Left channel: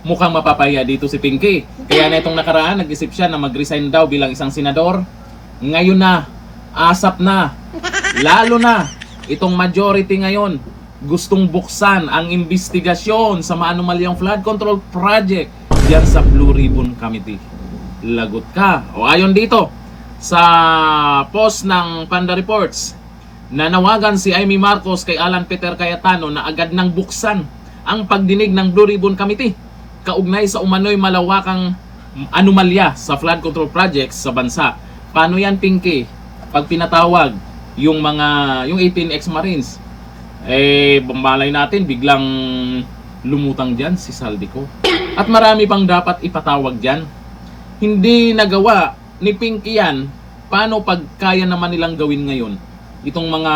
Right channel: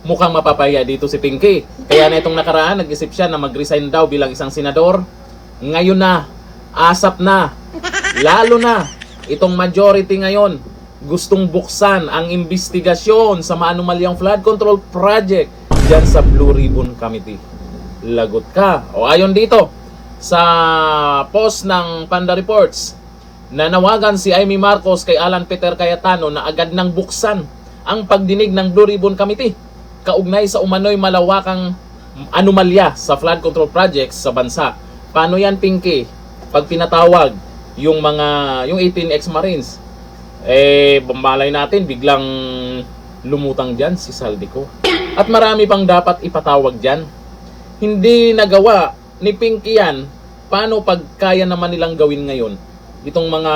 mukhang mapapahiya dito si Pinky. Kaya na itong nakaraan, nag-isip siya na mag-resign daw bilang isang senador. Ngayon na, asap na, lalo na, itong majority ngayon, gustong buksan ang investigasyon sa maanumalyang flood control project dyan sa Blue Ribbon Committee. Lagot ka. O ayon dito, sa post ng Panda Reports, nanawagan si Amy Marcos kay Alan Peter Cayetano na agad nang buksan ang pagdinig ng Blue Ribbon Committee kaugnay sa umano'y malawakang anomalya sa flood control projects sa bansa. Paano yan, Pinky? Pag pinatawag yung 18 ex-Marines, malay natin biglang lumutang dyan si Saldico. At marami pang dapat ipatawag dyan. Hindi nagawa ni Pinky yan. Paano pag kaya naman nilang gawin ngayon? Itong mga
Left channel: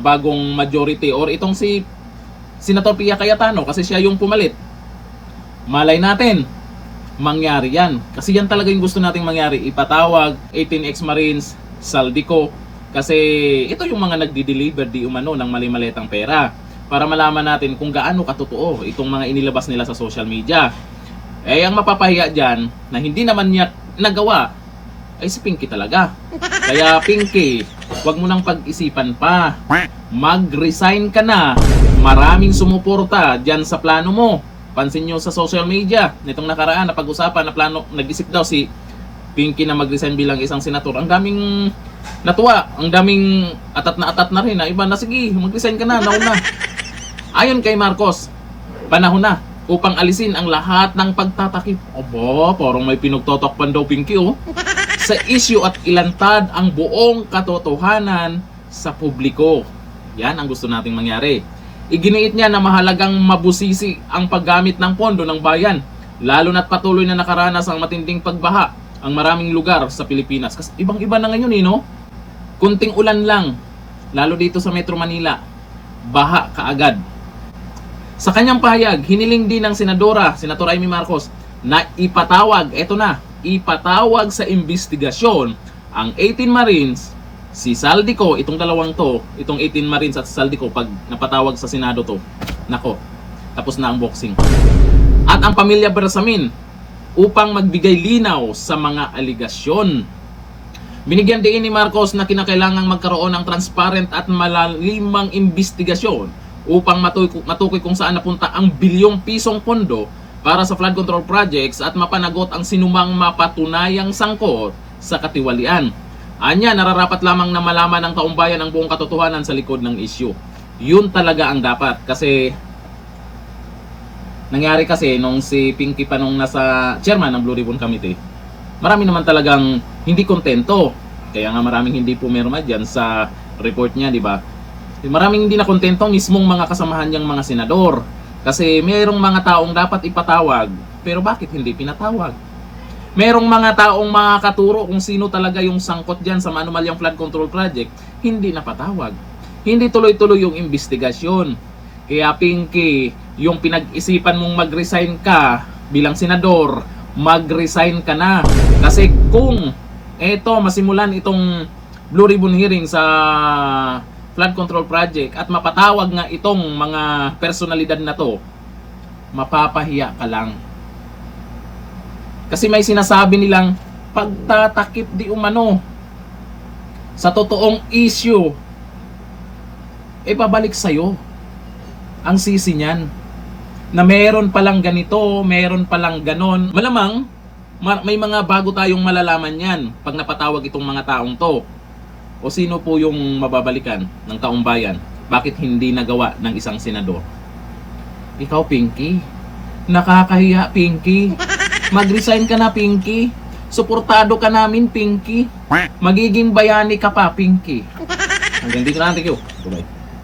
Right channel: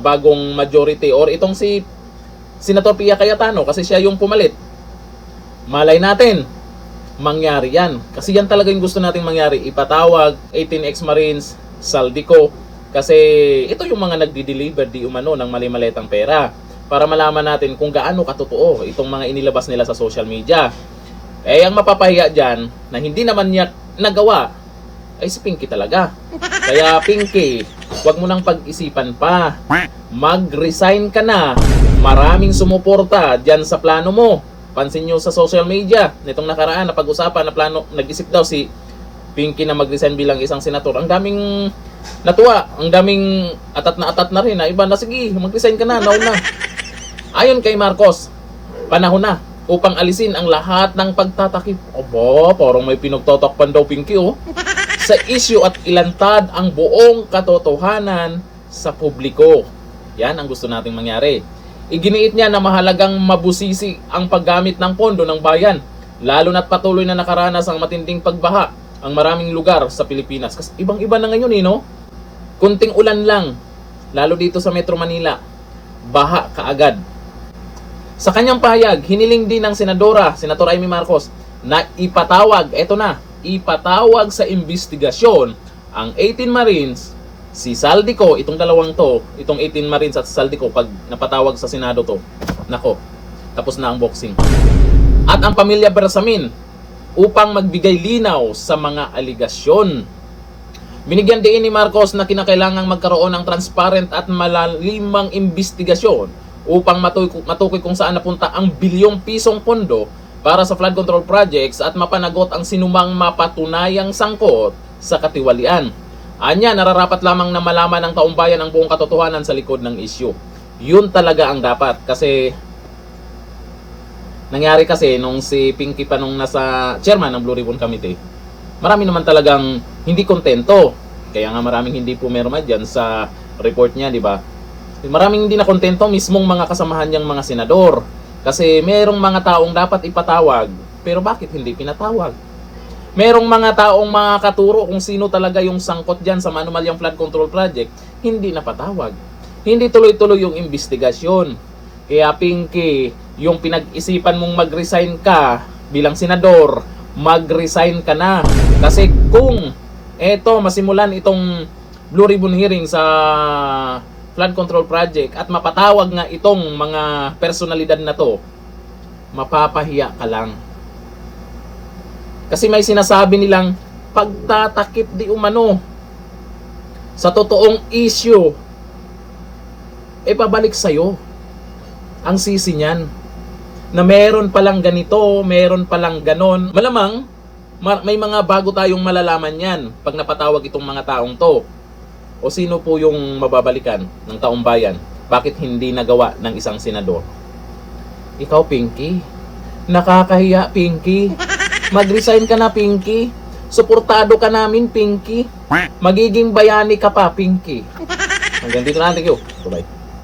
bagong majority or itong si Senator Pia Cayetano kasi siya yung pumalit. Malay natin, mangyari yan. Kasi yan talaga yung gusto nating mangyari. Ipatawag 18 ex-Marines, Saldico. Kasi ito yung mga nagdi-deliver di umano ng mali-maletang pera. Para malaman natin kung gaano katotoo itong mga inilabas nila sa social media. Ang mapapahiya dyan na hindi naman niya nagawa ay si Pinky talaga. Kaya Pinky, wag mo nang pag-isipan pa. Mag-resign ka na. Maraming sumuporta dyan sa plano mo. Pansin nyo sa social media, nitong nakaraan na pag-usapan na plano, nag-isip daw si Pinky na mag-resign bilang isang senator. Ang daming natuwa, ang daming atat na rin na iba na sige, mag-resign ka na, nauna. Ayon kay Marcos, panahon na upang alisin ang lahat ng pagtatakip. Aba, parang may pinagtotokpan daw Pinky sa issue at ilantad ang buong katotohanan sa publiko. Yan ang gusto nating mangyari. Iginiit niya na mahalagang mabusisi ang paggamit ng pondo ng bayan, lalo na't patuloy na nakaranas ang matinding pagbaha ang maraming lugar sa Pilipinas. Kasi ibang-iba na ngayon no? Kunting ulan lang, lalo dito sa Metro Manila, baha kaagad. Sa kanyang pahayag, hiniling din ng Senator Amy Marcos na ipatawag sa investigasyon ang 18 Marines, si Saldico, itong dalawang to, itong 18 Marines at Saldico, pag napatawag sa Senado to, nako, tapos na ang boxing. At ang pamilya Bersamin upang magbigay linaw sa mga aligasyon. Binigyan din ni Marcos na kinakailangang magkaroon ng transparent at malalimang investigasyon upang matukoy kung saan napunta ang bilyong pisong pondo para sa flood control projects at mapanagot ang sinumang mapatunayang sangkot sa katiwalian. Anya, nararapat lamang na malaman ng taumbayan ang buong katotohanan sa likod ng issue. Yun talaga ang dapat kasi nangyari kasi nung si Pinky pa nung nasa chairman ng Blue Ribbon Committee, marami naman talagang hindi kontento. Kaya nga maraming hindi pumirma dyan sa report niya, di ba? Maraming hindi na kontento mismong mga kasamahan niyang mga senador. Kasi merong mga taong dapat ipatawag, pero bakit hindi pinatawag? Merong mga taong makakaturo kung sino talaga yung sangkot dyan sa maanumalyang flood control project, hindi napatawag. Hindi tuloy-tuloy yung investigasyon. Kaya Pinky, yung pinag-isipan mong mag-resign ka bilang senador, mag-resign ka na. Kasi kung masimulan itong Blue Ribbon hearing sa flood control project at mapatawag nga itong mga personalidad na to, mapapahiya ka lang. Kasi may sinasabi nilang pagtatakip di umano sa totoong issue, pabalik sa'yo ang sisi niyan na meron palang ganito, meron palang ganon. Malamang may mga bago tayong malalaman yan pag napatawag itong mga taong to. O sino po yung mababalikan ng taong bayan? Bakit hindi nagawa ng isang senador? Ikaw, Pinky, nakakahiya, Pinky. Mag-resign ka na, Pinky. Suportado ka namin, Pinky. Magiging bayani ka pa, Pinky. Hanggang dito na, thank you. Bye-bye.